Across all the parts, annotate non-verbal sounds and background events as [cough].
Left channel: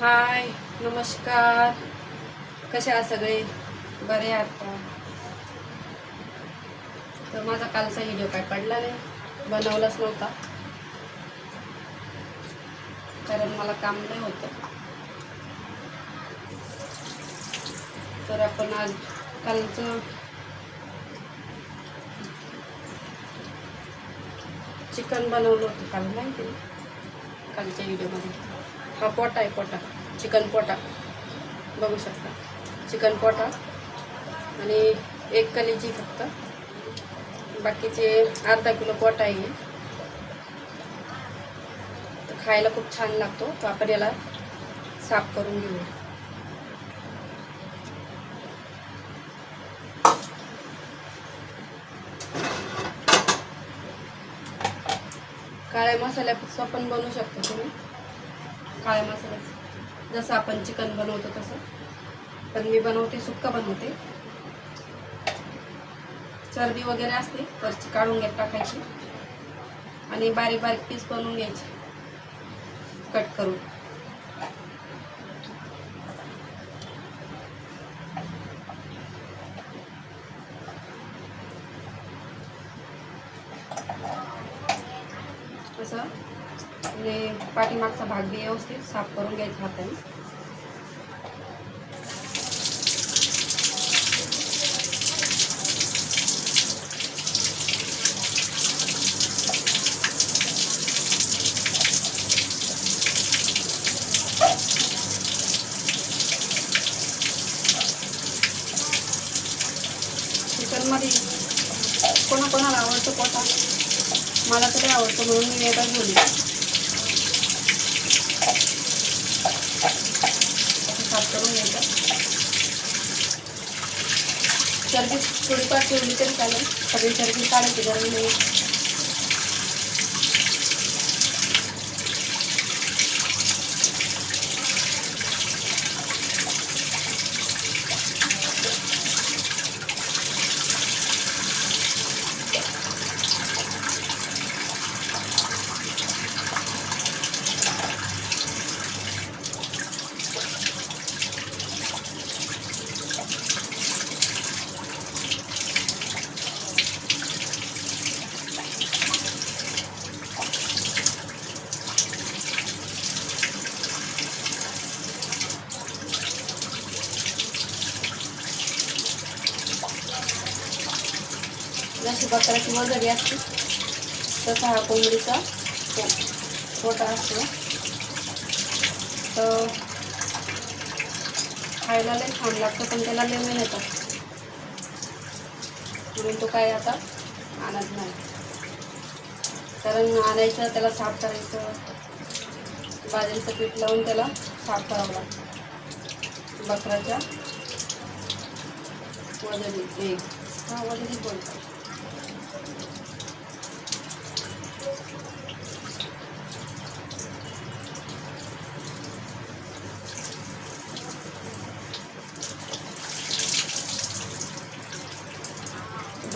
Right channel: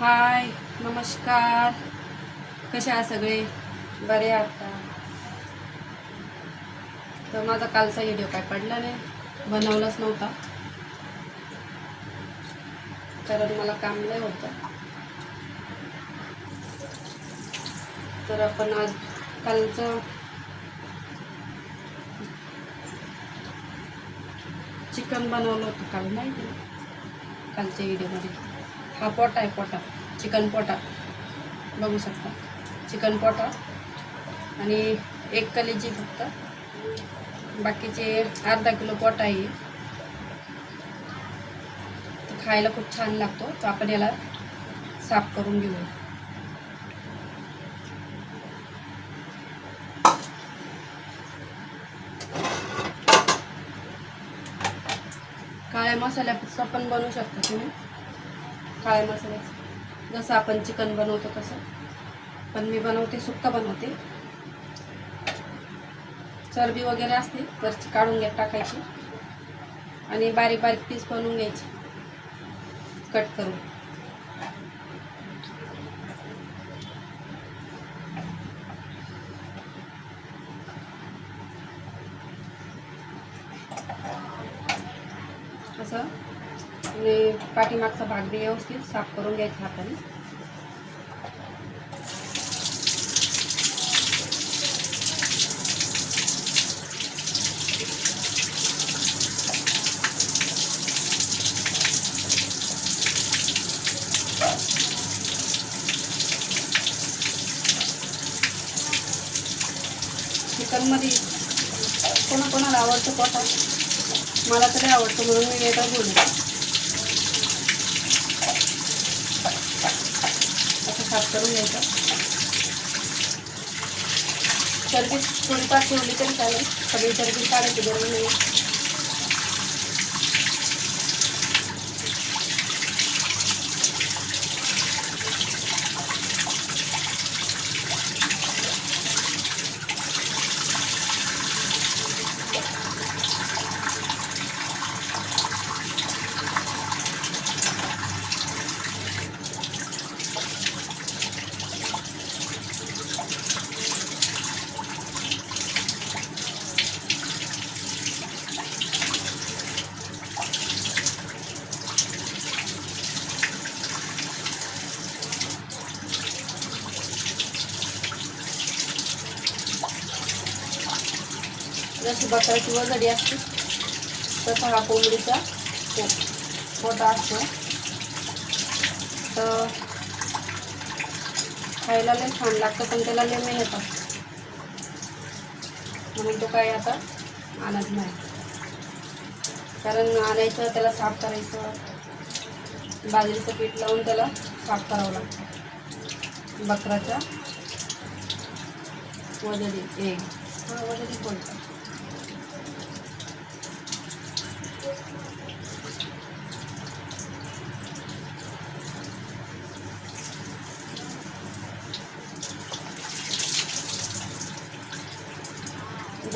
हाय नमस्कार. कसे आहात सगळे? बरे आता तर माझा कालचा व्हिडिओ काय पडला नाही. बनवलाच नव्हता. कारण मला काम नाही होतं. तर आपण आज कालचं चिकन बनवलं होतं काल माहिती ते कालच्या व्हिडिओमध्ये हा पोटा आहे पोटा. चिकन पोटा. बघू शकता. चिकन पोटा आणि एक कलेजी फक्त. बाकीचे अर्धा किलो पोटा आहे. तर खायला खूप छान लागतो. तो आपण याला साफ करून घेऊ काळ्या मसाल्याचं पण बनवू शकतो तुम्ही. काळ्या मसाल्याचं जसं आपण चिकन बनवतो तसं. पण मी बनवते सुक्कं बनवते. चरबी वगैरे असते तर काढून घ्या टाकायची. आणि बारीक बारीक पीस बनवून घ्यायचे. कट करून असं आणि पाठीमागचा भाग बी व्यवस्थित साफ करून घ्यायचा हाताने. चिकनमध्ये कोणाकोणाला आवडतो पोटा मला तरी आवडतो म्हणून मी वेगळा बोलली येते असं साफ करून घ्यायचा. चरबी थोडीफार ठेवली तरी चालेल. सगळी चरबी काढायची गरम नाही. जशी बकऱ्याची वजडी असते तसा हा कोंबडीचा पो- पोटा असतो. तर खायला लई छान लागतं पण त्याला लई नाही येतात म्हणून तो काय आता आणत नाही. कारण आणायचं त्याला साफ करायचं. बाजरीचं पीठ लावून त्याला साफ करावं लागतं. बकराच्या वजडी ए. हा वजडी बोलतात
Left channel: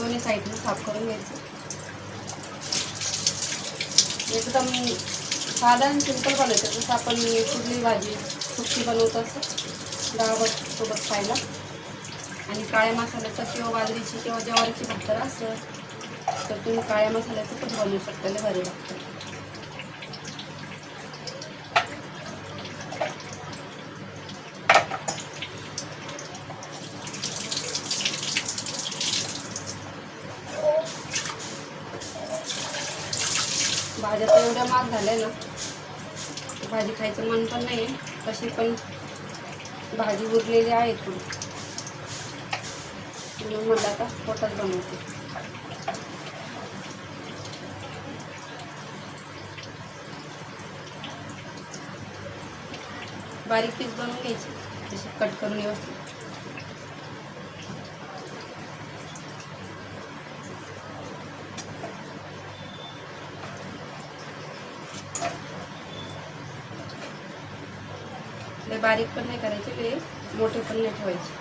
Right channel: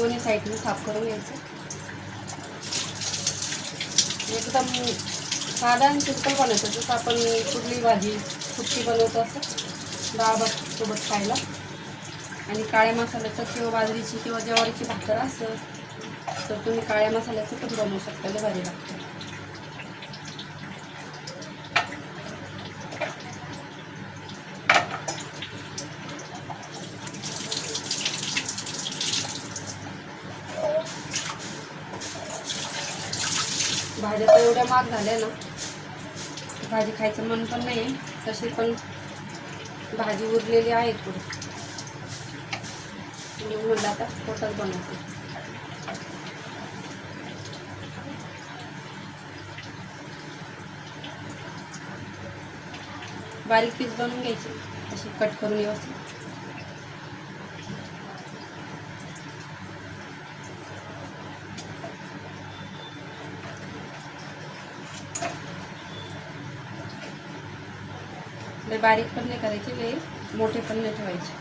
दोन्ही साईडने साफ करून घ्यायचं. एकदम साधारण सिंपल बनवायचं जसं आपण कुठली भाजी सुट्टी बनवतो असं डाळ भात सोबत खायला. आणि काळ्या मसाल्याचं किंवा बाजरीची किंवा ज्वारीची भाकर असं तर तुम्ही काळ्या मसाल्याचं पण बनवू शकता भाजीला भारी लागतं भाज्या तर एवढ्या महाग झाले ना भाजी खायचं मन पण नाही तशी पण भाजी उरलेली आहे थोडी म्हणून म्हटलं आता पोटच बनवते. बारीक पीस बनवून घ्यायचे. तसे कट करून व्यवस्थित लय बारीक पण नाही करायचे ते मोठे पण नाही ठेवायचे.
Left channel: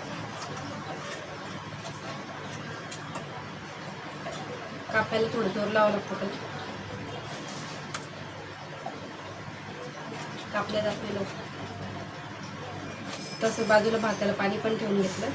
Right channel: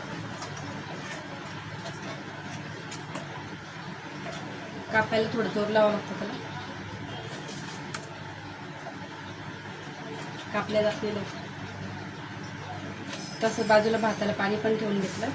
कापायला थोडं जोर लावावं लागतं त्याला. कापल्या जात नाही लवकर. तसं बाजूला भाताला पाणी पण ठेवून घेतलं.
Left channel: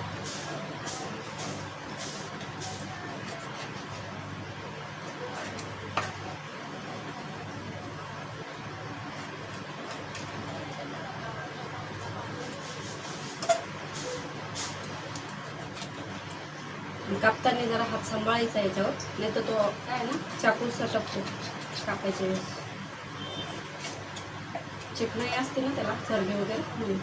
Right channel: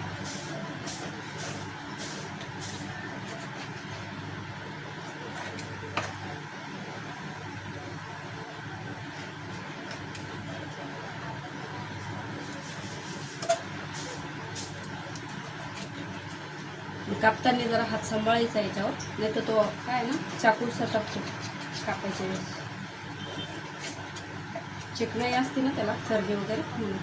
कापताना जरा हात सांभाळायचा याच्यावर. नाही तर तो काय ना चाकू सटकतो कापायच्या वेळेस. चिकनाई असते ना त्याला सर्दी वगैरे. म्हणून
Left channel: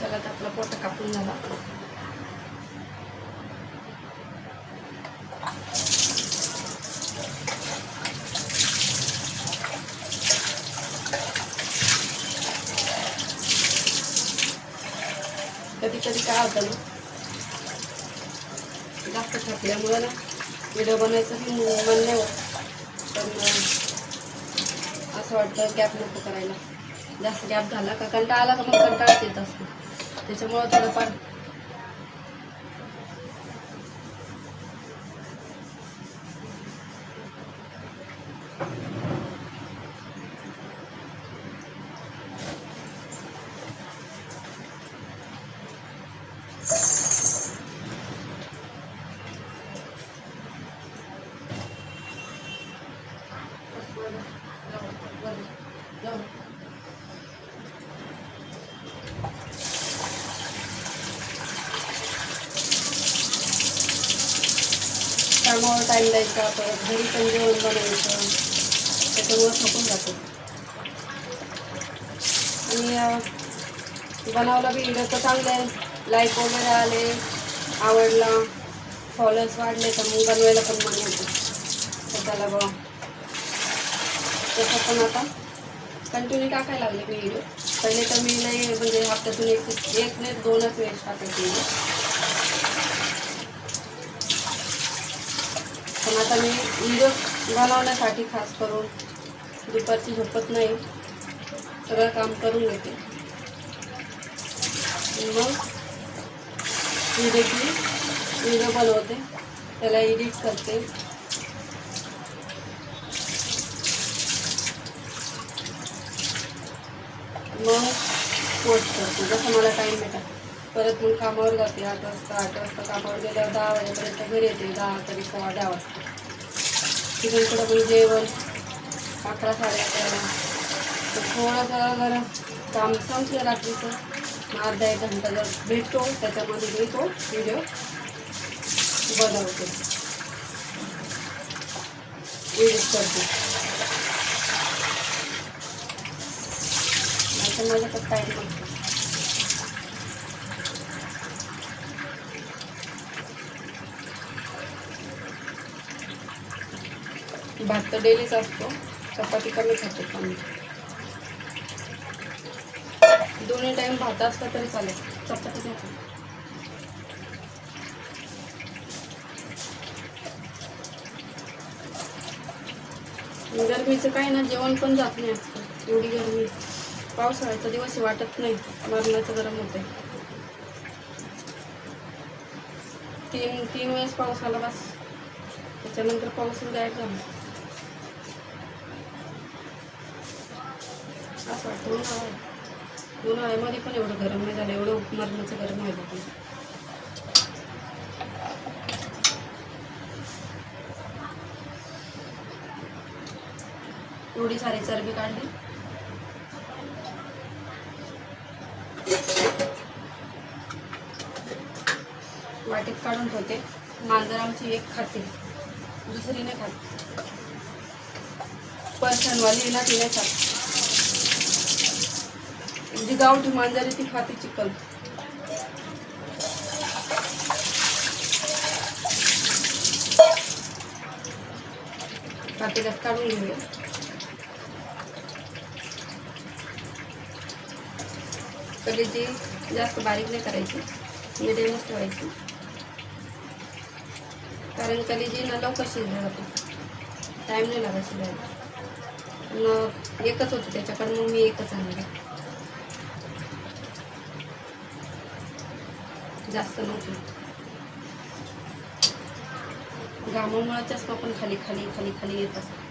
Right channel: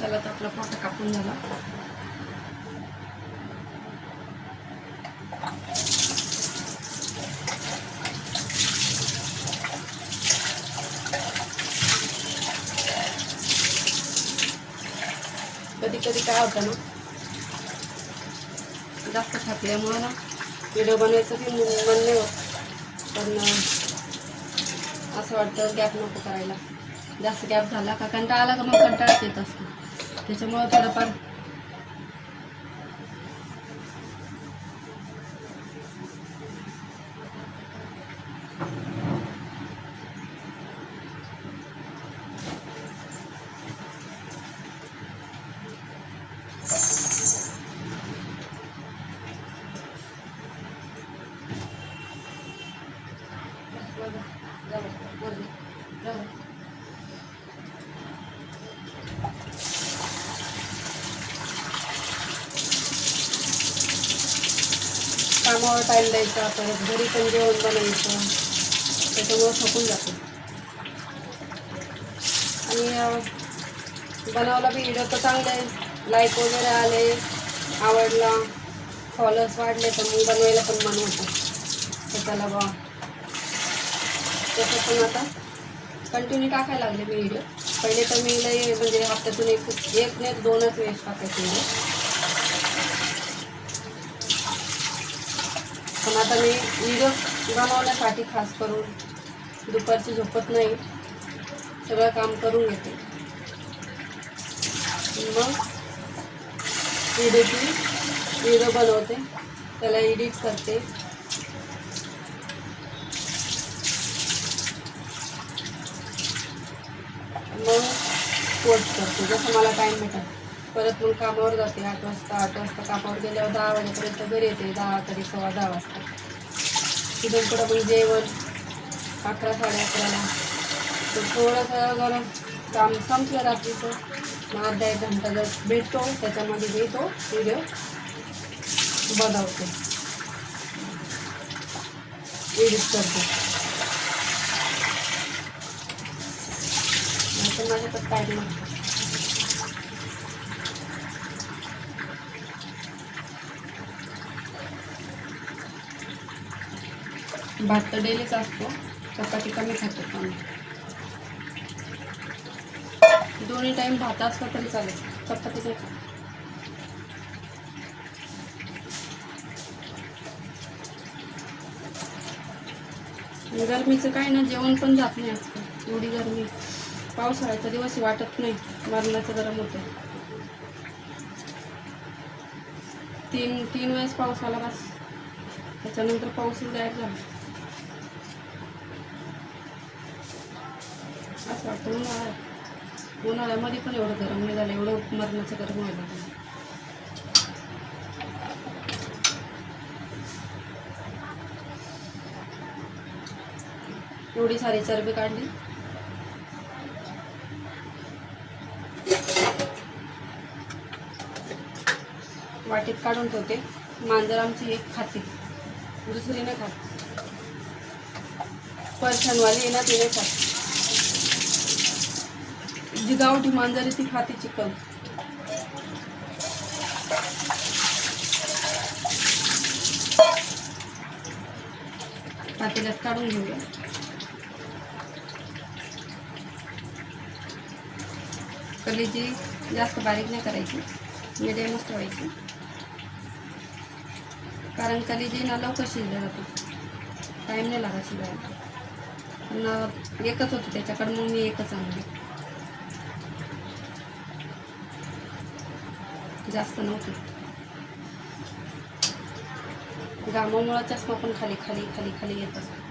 चला तर आपला कधी कधी काय होतं ना जास्त थकल्यामुळं ना व्हिडिओ बनवायचं की मन नाही होत. पण असं वाटतं गॅप नको करायला. जास्त गॅप झाला का कंटाळा आला का मग कंटाळाच येतं. त्याच्यामुळं थोडंफार कामावर टाईम द्यायचा परत घरी पण जेवण बनवायचं. त्याच्यामुळं थकून जाते. आणि बनवायला बी व्हिडिओ तर चांगले आहे लाईक वगैरे आले आवडला फॉलोअर्स वाढले तर मग बनवायला पण मन होतं. त्याच्याला त्याला बा तसं पण आता कंटिन्यू टाकायला लागले मी व्हिडिओ. पहिले तर मी लई म्हणजे हप्त्यातून एक एक नाही दोनच वेळेस टाकायचे व्हिडिओ पण आता मी व्हिडिओ बनवण्यासाठी खास करून दुपारची झोपत नाही. सगळं काम करून घेते. मग व्हिडिओची व्हिडिओ बनवते. त्याला एडिट करते. मग पोस्ट करते. जसं मला टाईम भेटत परत मग कामावर जाते आठ वाजता आठ वाजता कामावर गेल्यावर दहा वाजेपर्यंत घरी येते दहा तरी सव्वा दहा वाजता. तिथून पुढं मग जेवण अकरा साडे अकराला. तर थोडंसं जरा काम संपलं रात्रीचं. मग अर्धा एक घंटा जर भेटतो त्याच्यामध्ये मी तो व्हिडिओ बनवते. एडिट करते. माझ्याकडं तर माझ्याकडे टाईम नसतो भात तर डेलीच असतो. चपाती कमी खातो पण. दोन्ही टाईम भात असला तरी चालेल. चपाती नाही खात. गरमीचं काय ना जेवण पण जात नाही आजकाल. एवढी गरमी. पावसाळ्याचा दिवस वाटत नाही. मरणाचं गरम होते तीन तीन वेळेस पाऊस आला बस. त्याच्यानंतर पाऊस गायब झाला असं वाटतं उन्हाळा आहे. उन्हाळ्यामध्ये पण एवढं गरम नाही झालं एवढं मरणाचं गरम व्हायला लागलं. एवढी सारी चरबी काढली. वाटीत काढून ठेवते. मांजर आमची एक खाते. दुसरी नाही खात. पर्सनवाली आहे ना ती नाही खात. जी गावठी मांजरी ती खाते चिकन. पातेल्यात काढून घेऊया. कलेजी जास्त बारीक नाही करायची मिडियमच ठेवायची. कारण कलेजी ना लवकर शिजलं जातो. टाईम नाही लागत शिजायला. न एकच होती त्याच्याकडे मग मी एकच आणलं जास्त नव्हती. घामामुळे चष्मा पण खाली खाली खाली खाली येत असतो.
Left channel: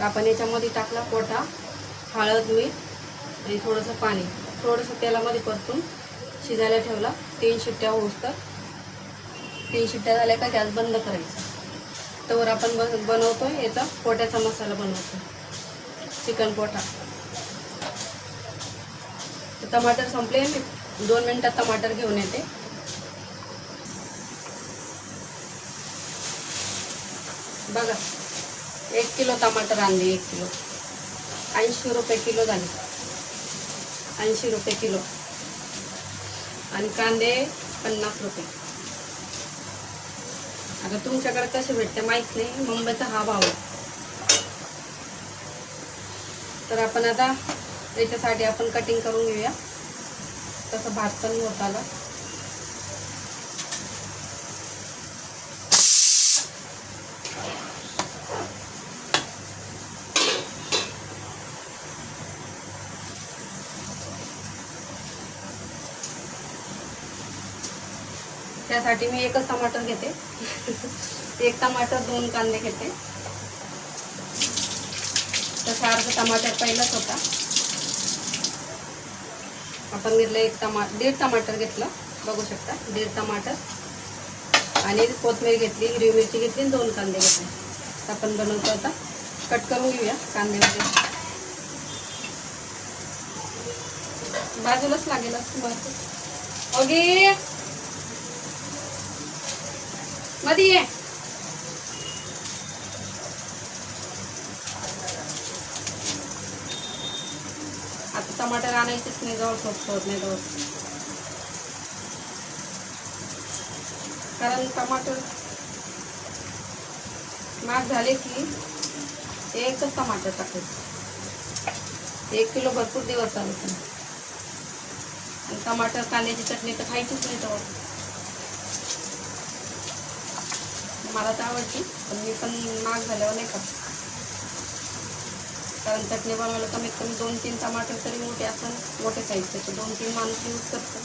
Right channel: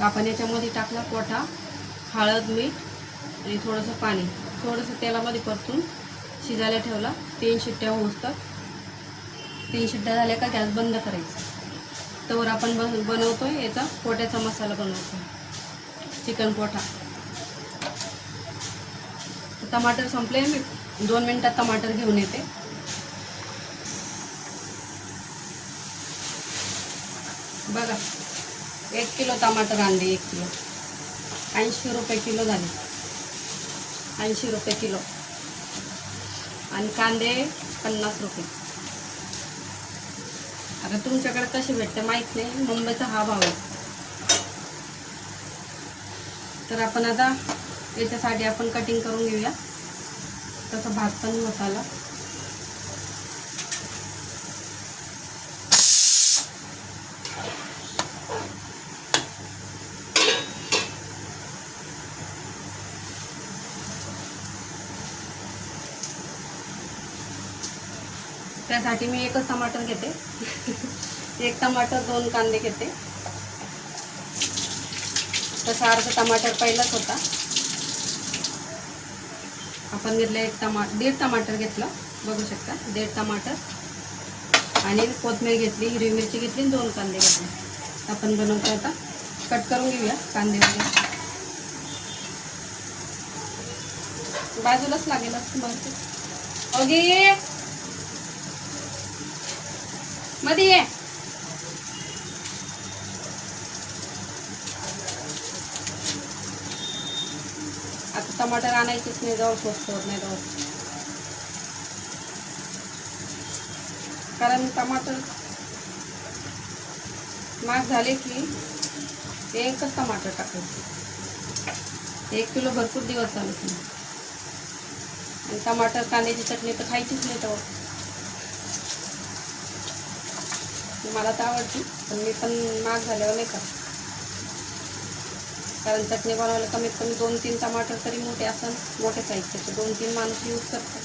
आपण याच्यामध्ये टाकला पोटा हळद मीठ आणि थोडंसं पाणी. थोडंसं तेलामध्ये परतून शिजायला ठेवला. तीन शिट्ट्या होसतात तीन शिट्ट्या झाल्या का गॅस बंद करायचा. तर आपण बन बनवतो याचा पोट्याचा मसाला बनवतो चिकन पोठा टमाटर संपले. मी दोन मिनटात टमाटर घेऊन येते. बघा. एक किलो टमाटर आणले एक किलो. ऐंशी रुपये किलो झाले. ऐंशी रुपये किलो. आणि कांदे पन्नास रुपये. आता तुमच्याकडे कसे भेटते माहीत नाही. मुंबईचा हा भाव आहे. तर आपण आता याच्यासाठी आपण कटिंग करून घेऊया. तसं भात पण होत आला त्यासाठी मी एकच टमाटर घेते. एक टमाटर दोन कांदे घेते. तसा अर्ध टमाटर पहिलाच होता. आपण घेतलं एक टमा दीड टमाटर घेतलं. बघू शकता दीड टमाटर. आणि कोथमीर घेतली हिरवी मिरची घेतली आणि दोन कांदे घेतले. आपण बनवतो आता. कट करून घेऊया कांदे वगैरे. बाजूलाच लागेल असं बहुतेक मध्ये ये. आता टमाटर आणायचेच नाही जवळ स्वस्त होत नाही जवळ कारण टमाटर माग झाले की एकच टमाटर टाकायचं. एक किलो भरपूर दिवस चालत नाही. आणि टमाटर कांद्याची चटणी तर खायचीच नाही तेव्हा. मला तर आवडती पण मी पण महाग झाल्यावर नाही का कारण चटणी बनवायला कमीत कमी दोन तीन टमाटर तरी मोठे असं मोठे साईजचे दोन तीन माणूस यूज करतात.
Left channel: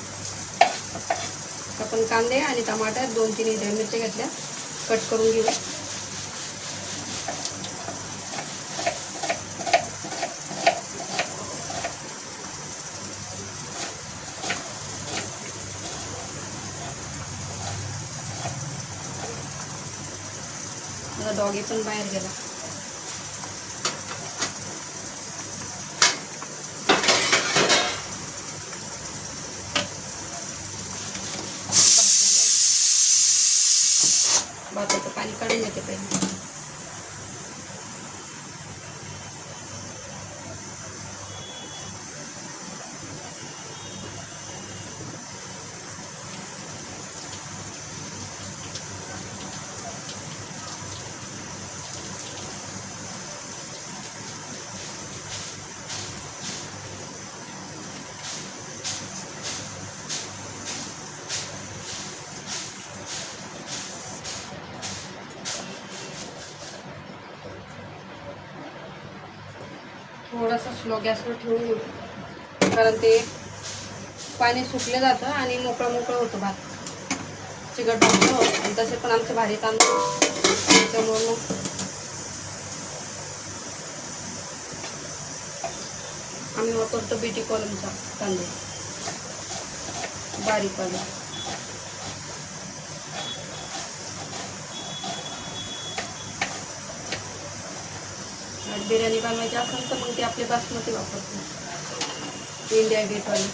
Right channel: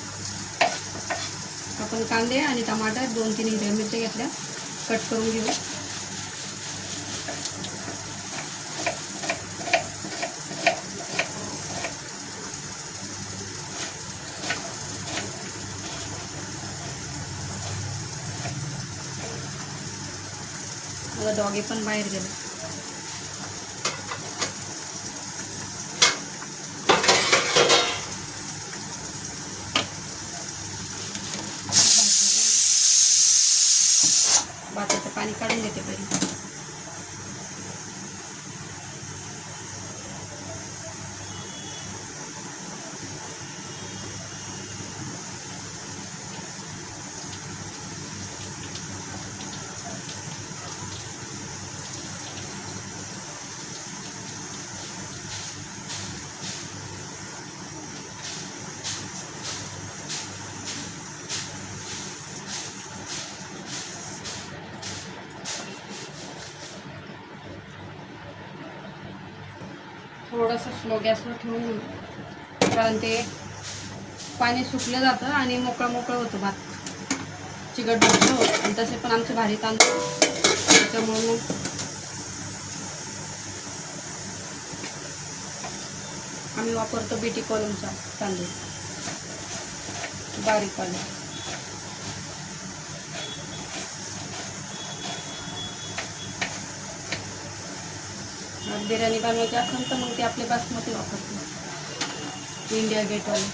आपण कांदे आणि टमाटर दोन तीन हिरव्या मिरच्या घेतल्या कट करून घेऊ माझा डॉगी पण बाहेर गेला भाताचं पाणी काढून घेते पहिले थोडंसं स्लो गॅसवर ठेवून कारण ते पाणी सुकलं जातं आणि मोकळं मोकळं होतं भात. चिकट भात होतं. आणि तसे पण आमचे भारी तांदूळ त्याच्यामुळे मग आम्ही वापरतो बीटी कॉलमचा तांदूळ बारीक कॉलम बिर्याणी बनवायची असेल तर मग ते आपले बासमती वापरतो. इंडिया गेटवाले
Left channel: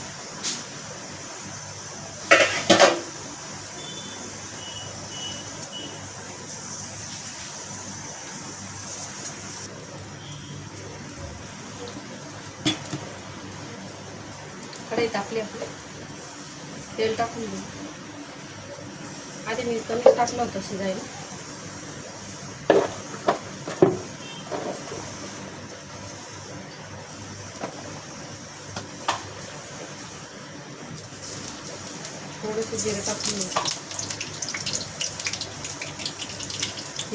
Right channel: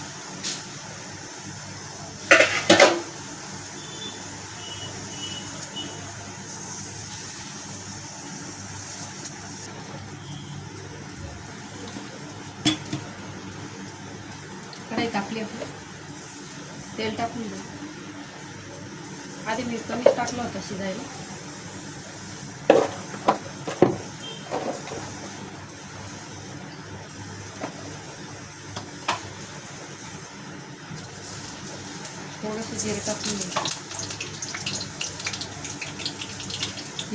कढई टाकली आपली तेल टाकून देऊ. आधी मी कमीच टाकलं होतं शिजायला थोडंसं जिरं टाकून देऊ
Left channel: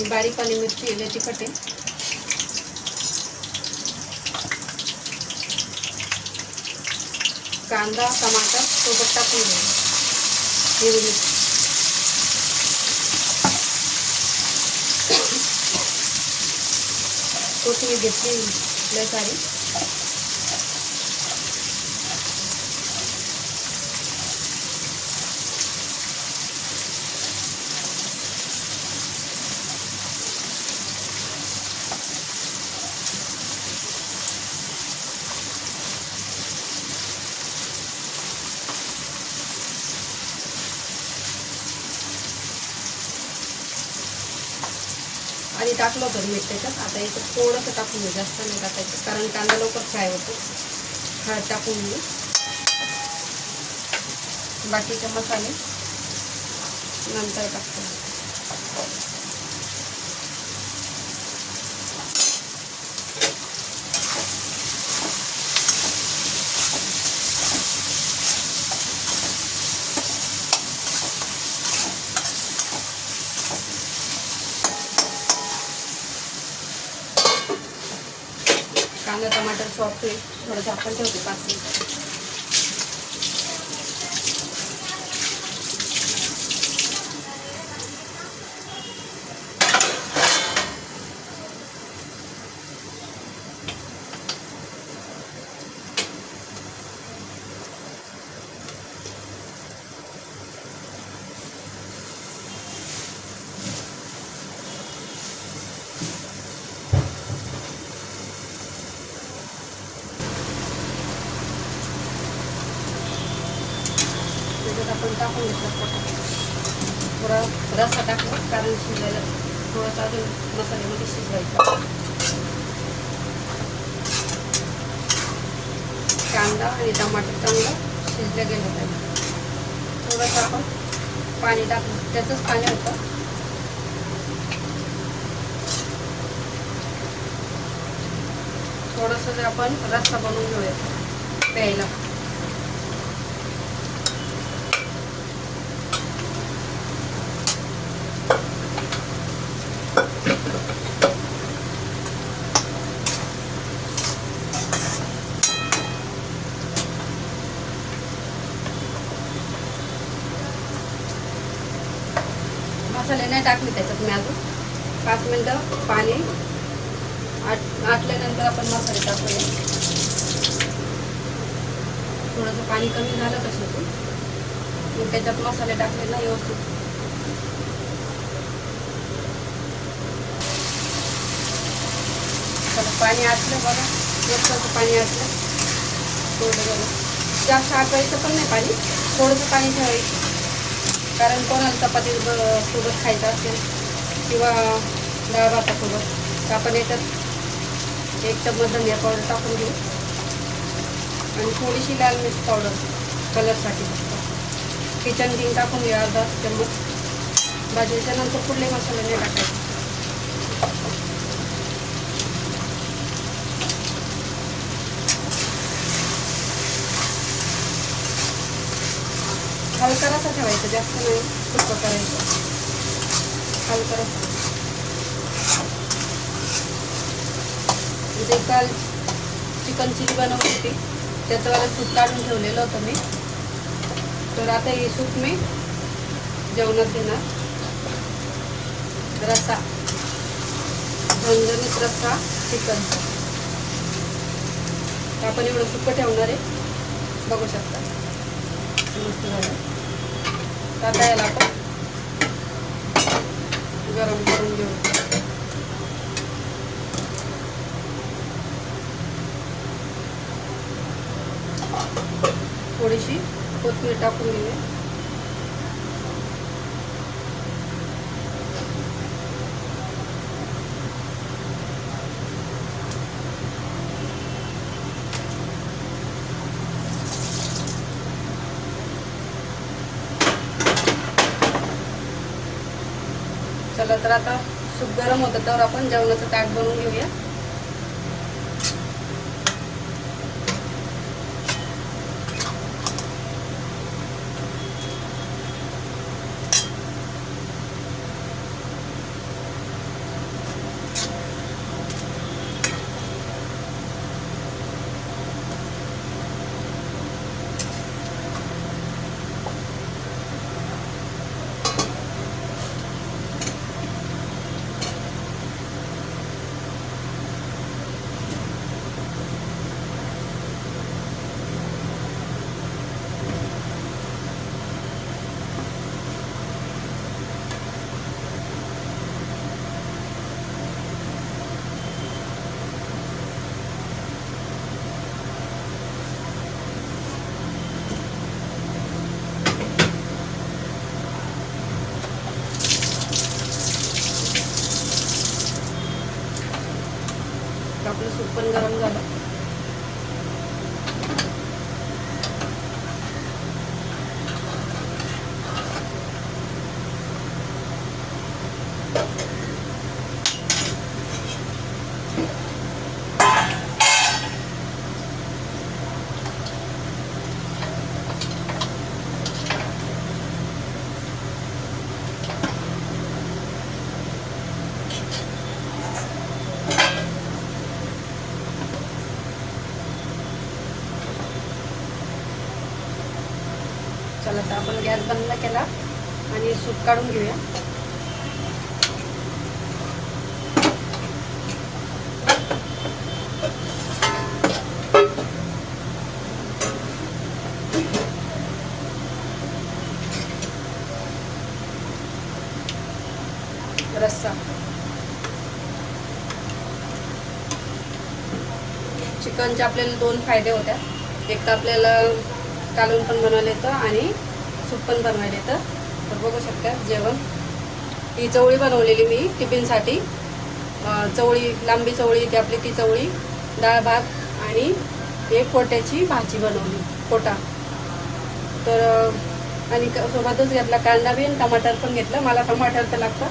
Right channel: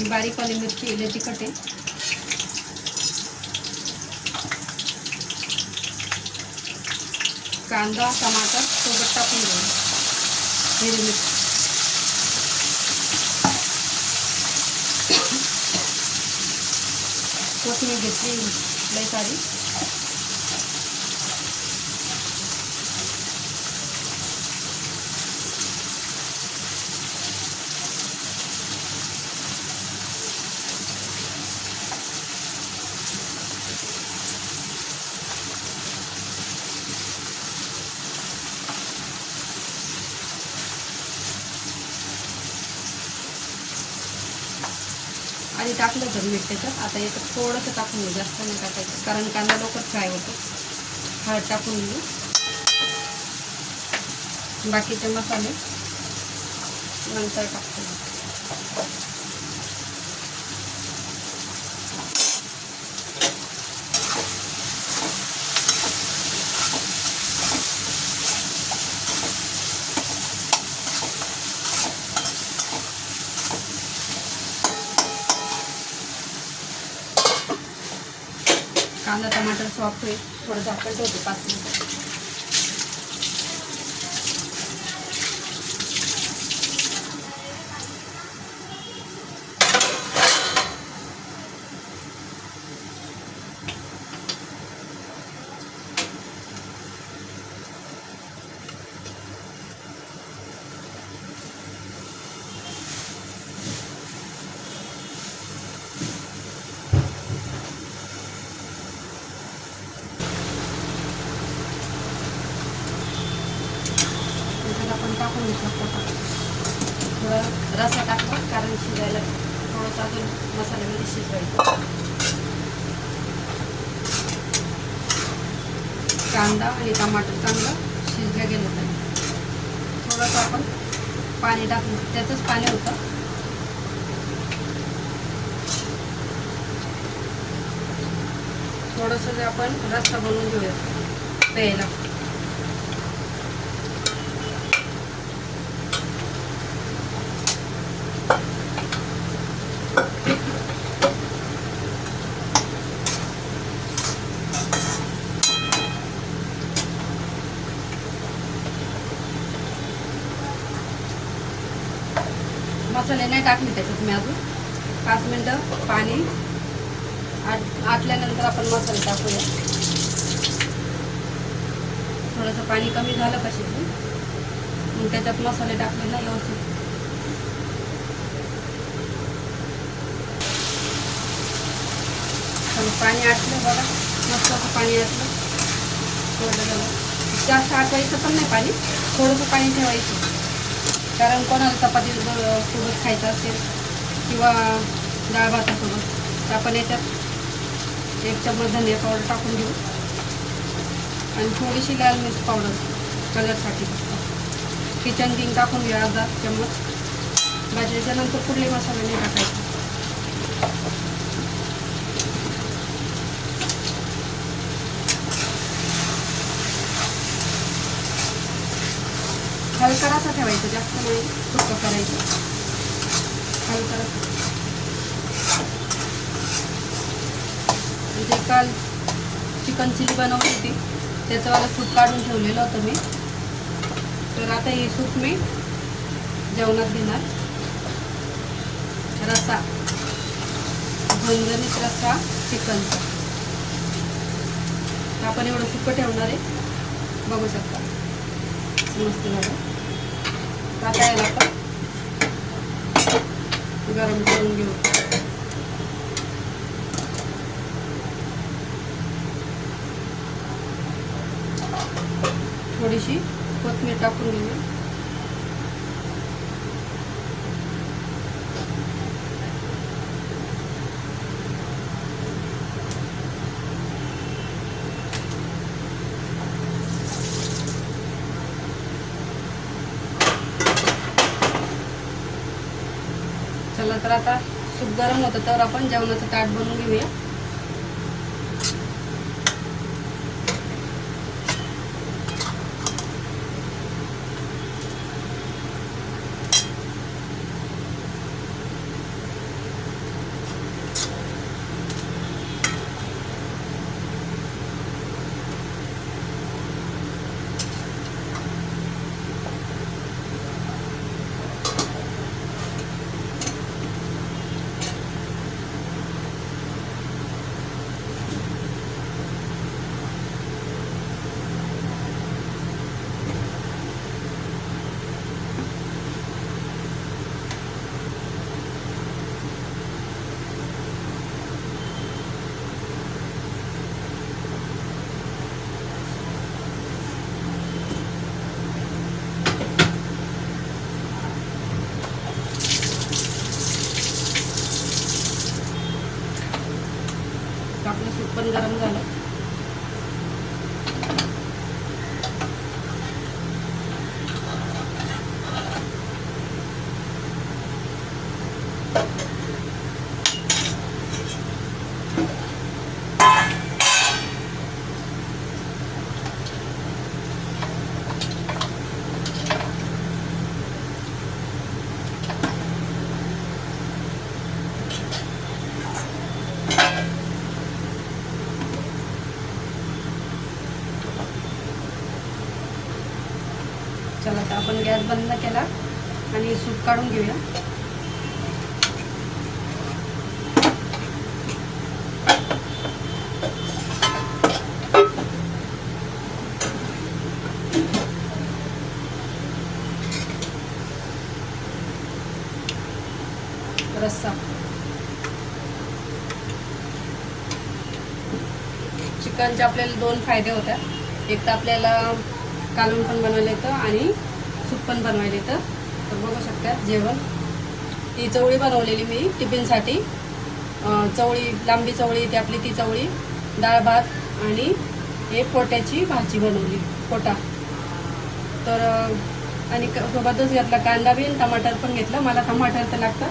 बारीक आली मिरची आहे लय तिखट आहे. कांदा टमाटर सोबत टाकून घेऊ हिरवी मिरची. [coughs] कोथिंबीर घेतली लय सारी. टाकलं होतं मीठ त्याच्यात. आता इथं थोडंसं टाकून घेऊ जास्त नाही टाकायचं कारण कांदा लवकर फ्राय होतो. हळद टाकून घेऊ बाकीचे मसाले नंतर टाकतो. कांदा टमाटर सॉफ्ट होईल थोडं झाकण ठेवतो पाच मिनिटं त्याच्यात आपण टाकून घेतलं पोटात थोडं रसा टाकला कारण शिजायला थोडं टाकून मसाल्यामध्ये शिजवायचं कांदा आणि टमाटर चांगलं शिजलं गेलं पाहिजे थोडंसं आपण पाणी टाकलं त्याचंच पाणी होतं. थोडंसं जे आपण रस्सा बनवून घेऊया प्यायला मसाले नाही टाकले त्याच्यात मी अजून पाच मिनटं पाणी आट आटल्यानंतर आपण मसाले टाकूया थोडंसं पाणी कमी झालं का शिजून मग त्याच्यात मसाले टाकले ना व्यवस्थित. पाणी असलं बघा. मस्त पाणी असलं थोडं जरा जास्त आटवायचं पण नाही पाणी. थोडंसं पाणी ठेवायचं. कारण कोणाला चपाती सोबत खायचं असेल किंवा डाळ भातासोबत तर आपण याच्यात एक चम्मच धनिया पावडर टाकून घेऊ. आणि थोडीशी लाल मिर्च पावडर कलरसाठी किचन किंग टाकून घ्या अर्धा चम्मच भाजल्याच्या नंतर पुढले मसाले नाही टाकायचे. हलका असं ठेवायचं जास्त नाही. सुक्क करायचं. हलका म्हणजे काल चिकन चिली बनवली होती. त्याचं मला सूप काढून ठेवलेलं होतं मी. तर आता हे सूप मी जेवणात देणार. रसा. झणझणीत रस्सा चिकनचा. तर आपण एवढं सुक्क ठेवणार आहे. बघू शकता. मस्त झालं. आता याला आपण गरम करून घेऊ. थोडीशी कोथिंबीर टाकून घेऊया चला तर आता सूप गरम होतं तर आपण जेवणाचं ताट बनवून घेऊया. चला तर आपण गॅस बंद केला आणि सूप काढून घेऊया. रस्सा. चिकनचे आपल्याला दोन फायदे होत्या. एक तर आपल्याला कालवण पण बनवायला येतं आणि सूप पण बनवायला येतं. तर बघू शकता जेवण. ही चवळी बनवलेली मी टिफिनसाठी. चवळी लांबी चवळी ती आपली ती चवळी डाळ भात आणि एक पोट्याची भाजी बनवली पोटा. तर आणि क- सोबतच घेतला कांदा बी आणि टमाटर पण घेतलं. मला टमाटर तर लागतं.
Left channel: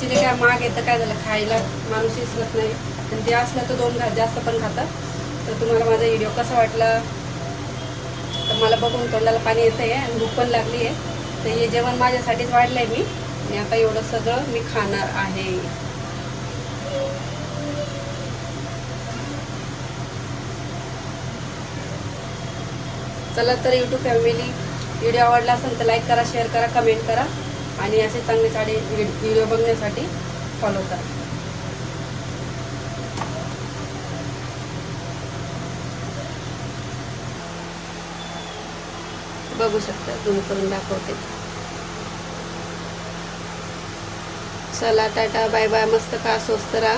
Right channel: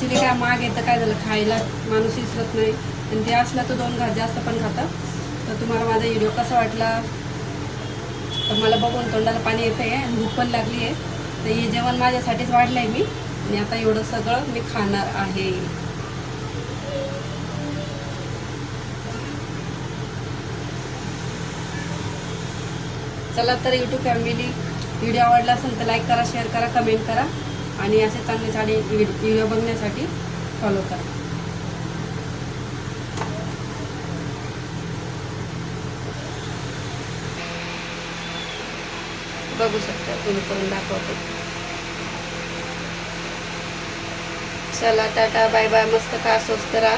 जे काय माग येतं काय झालं खायला माणूस विसरत नाही. आणि ते असलं तर दोन घात जास्त पण खातं तर तुम्हाला माझा व्हिडिओ कसा वाटला? तर मला बघून तोंडाला पाणी येतं आहे आणि भूक पण लागली आहे. तर हे जेवण माझ्यासाठीच वाढलं आहे मी. आणि आता एवढं सगळं मी खाणार आहे. चला तर यूट्यूब फॅमिली व्हिडिओ आवडला असेल तर लाईक करा शेअर करा कमेंट करा. आणि असे चांगले चांगले व्हिडिओ बघण्यासाठी फॉलो करा. बघू शकता तुम्ही करून दाखवते. चला टाटा बाय बाय मस्त खा स्वस्त राहा.